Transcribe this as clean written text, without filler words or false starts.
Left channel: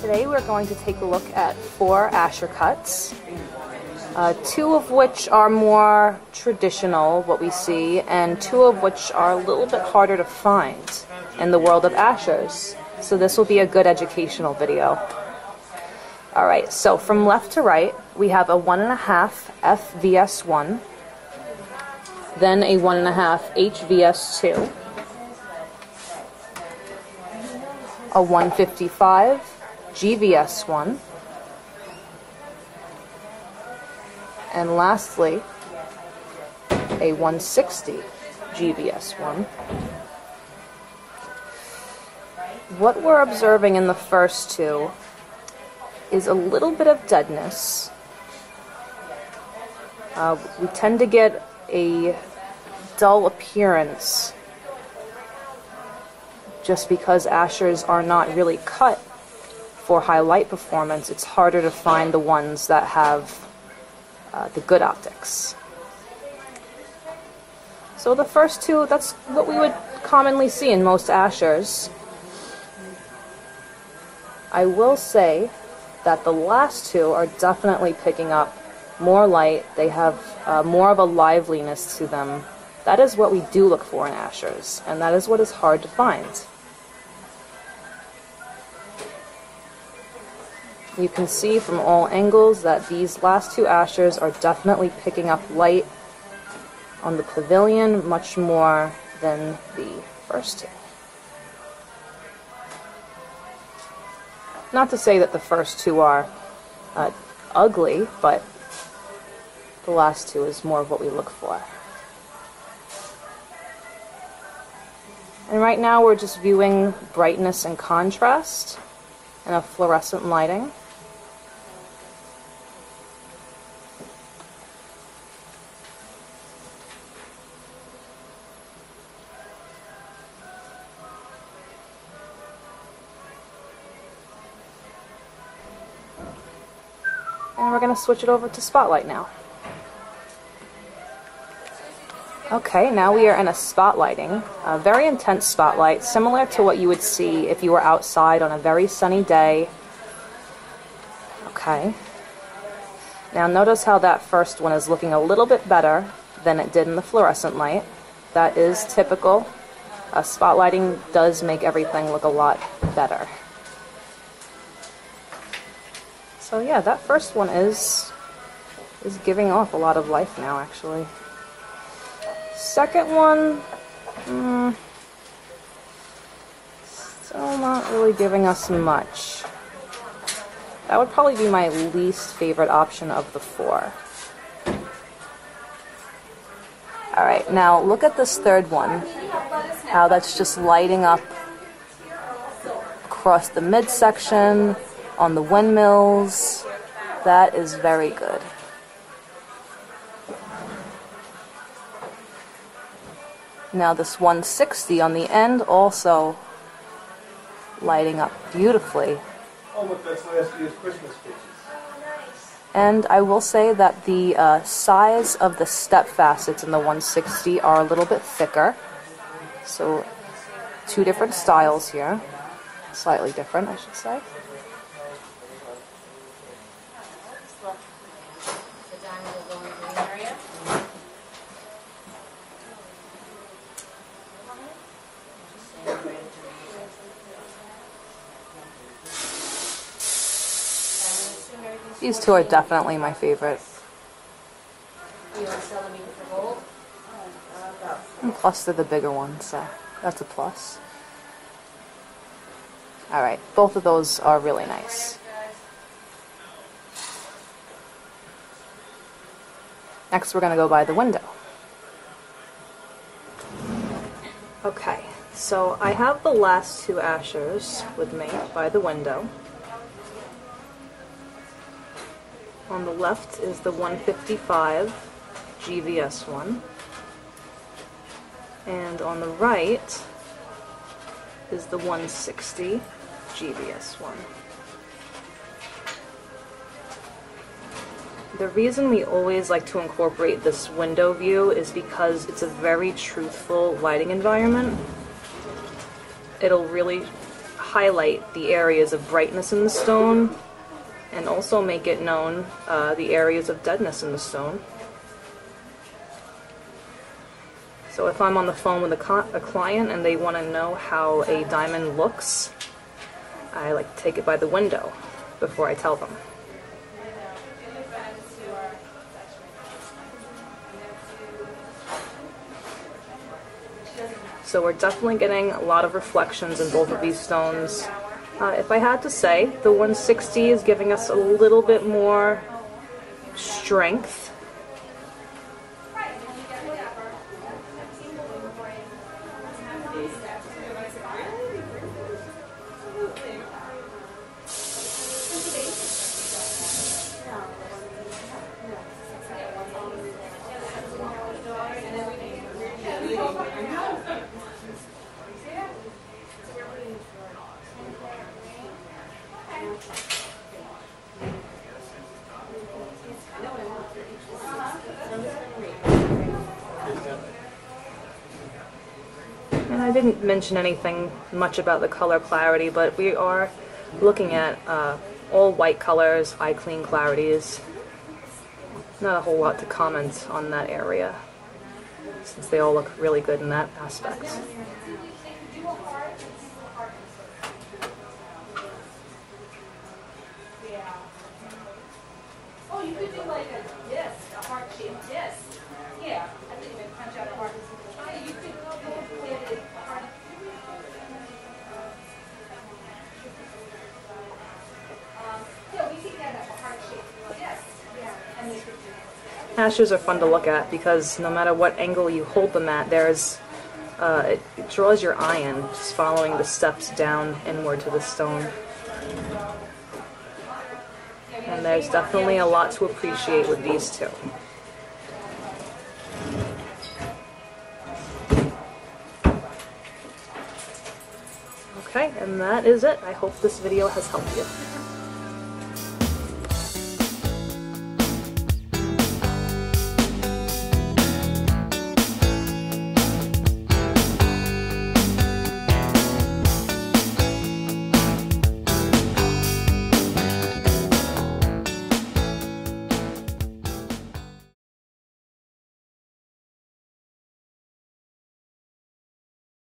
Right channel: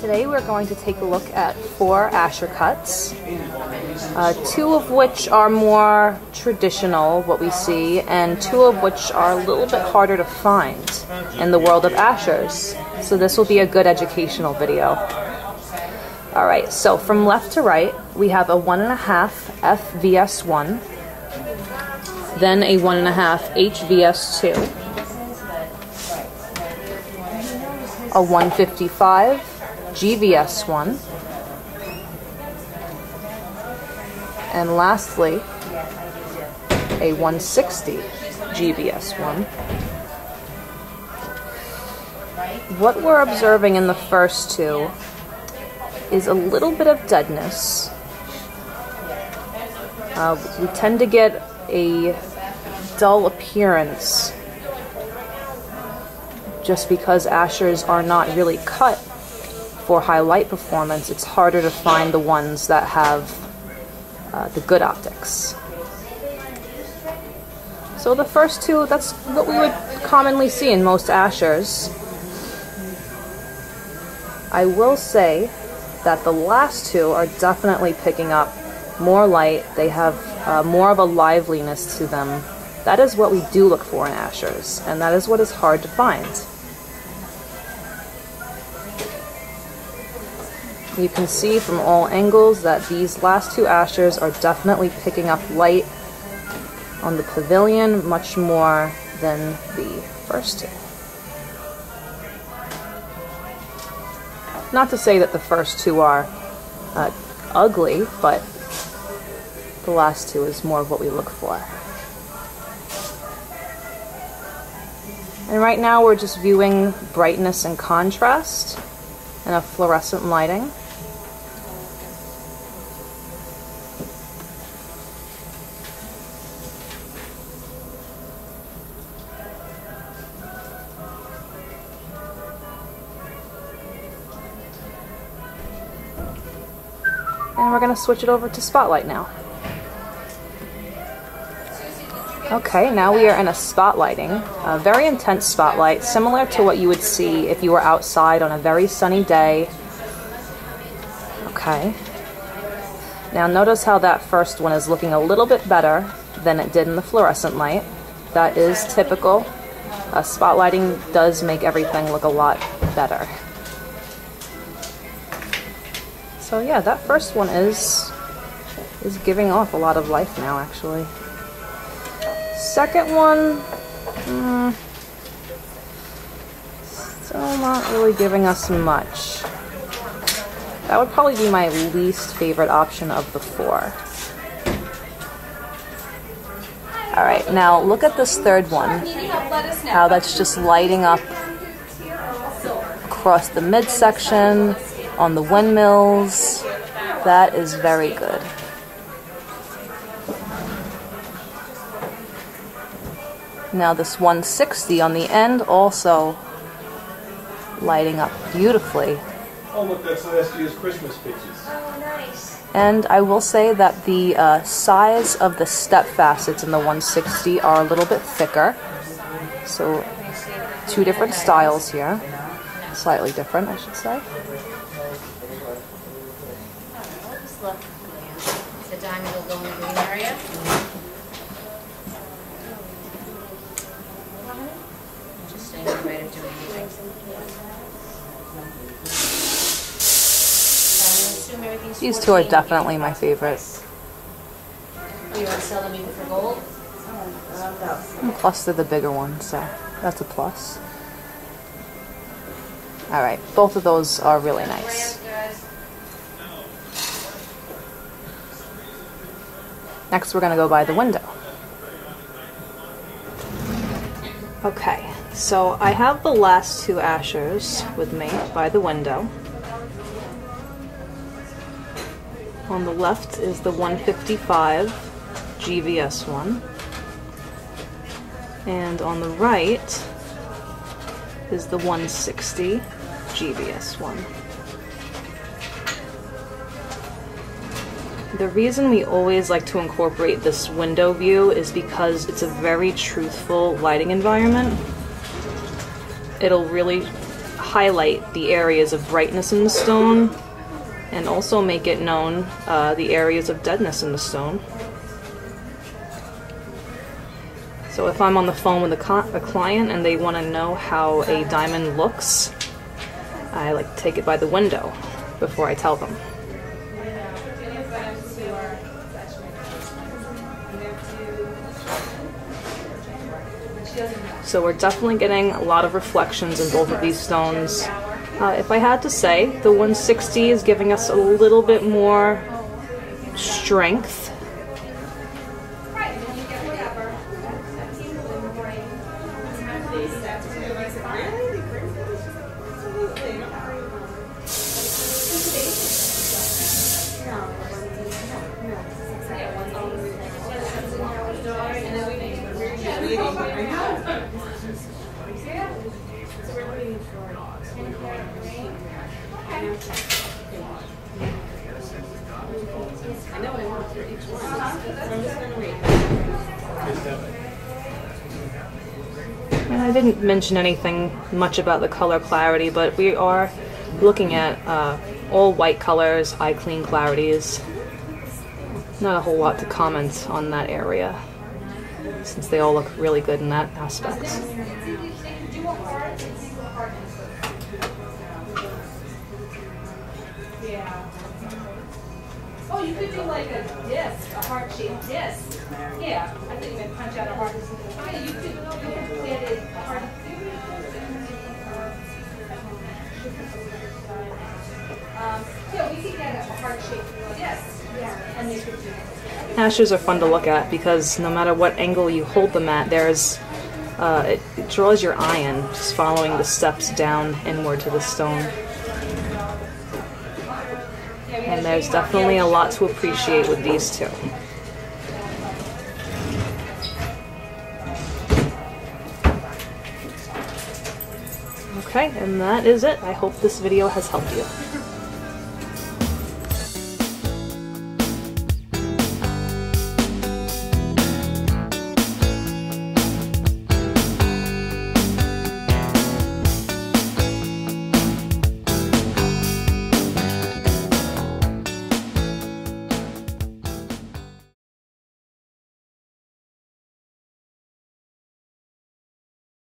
Today we're going to take a look at 4 Asscher cuts, 2 of which are more traditional, what we see, and 2 of which are a little bit harder to find in the world of Asschers. So this will be a good educational video. Alright, so from left to right, we have a 1.5 FVS1, then a 1.5 HVS2, a 155 GVS1, and lastly a 160 GVS1. What we're observing in the first 2 is a little bit of deadness. We tend to get a dull appearance just because Asschers are not really cut for high light performance. It's harder to find the ones that have the good optics. So the first 2, that's what we would commonly see in most Asschers. I will say that the last 2 are definitely picking up more light. They have more of a liveliness to them. That is what we do look for in Asschers, and that is what is hard to find. You can see from all angles that these last 2 Asschers are definitely picking up light on the pavilion much more than the first 2. Not to say that the first 2 are ugly, but the last 2 is more of what we look for. And right now we're just viewing brightness and contrast in a fluorescent lighting. And we're going to switch it over to spotlight now. Okay, now we are in a spotlighting, a very intense spotlight, similar to what you would see if you were outside on a very sunny day. Okay. Now notice how that first one is looking a little bit better than it did in the fluorescent light. That is typical. Spotlighting does make everything look a lot better. So yeah, that first one is giving off a lot of life now, actually. Second one, still not really giving us much. That would probably be my least favorite option of the 4. Alright, now look at this third one, how that's just lighting up across the midsection, on the windmills. That is very good. Now this 160 on the end also lighting up beautifully. Oh look, that's last year's Christmas pictures. Oh, nice. And I will say that the size of the step facets in the 160 are a little bit thicker. So 2 different styles here. Slightly different, I should say. The diamond will go in the green area. Just saying, I'm ready to do anything. These 2 are definitely my favorite. Do you want to sell them even for gold? And plus they're the bigger ones, so that's a plus. Alright, both of those are really nice. Next we're going to go by the window. Okay, so I have the last 2 Asschers with me by the window. On the left is the 155 GVS1, and on the right is the 160 GVS1. The reason we always like to incorporate this window view is because it's a very truthful lighting environment. It'll really highlight the areas of brightness in the stone and also make it known the areas of deadness in the stone. So if I'm on the phone with a client and they want to know how a diamond looks, I like to take it by the window before I tell them. So we're definitely getting a lot of reflections in both of these stones. If I had to say, the 160 is giving us a little bit more strength. And I didn't mention anything much about the color clarity, but we are looking at all white colors, high clean clarities. Not a whole lot to comment on that area, since they all look really good in that aspect. Oh, you could do like a disc, a heart-shaped disc. Yeah, I think you can punch out a heart. Oh, you could get it heart. Yeah, we could get a heart-shaped disc. Yeah, and they could do it. Asschers are fun to look at because no matter what angle you hold them at, it draws your eye in, just following the steps down inward to the stone. And there's definitely a lot to appreciate with these two. Okay, and that is it. I hope this video has helped you.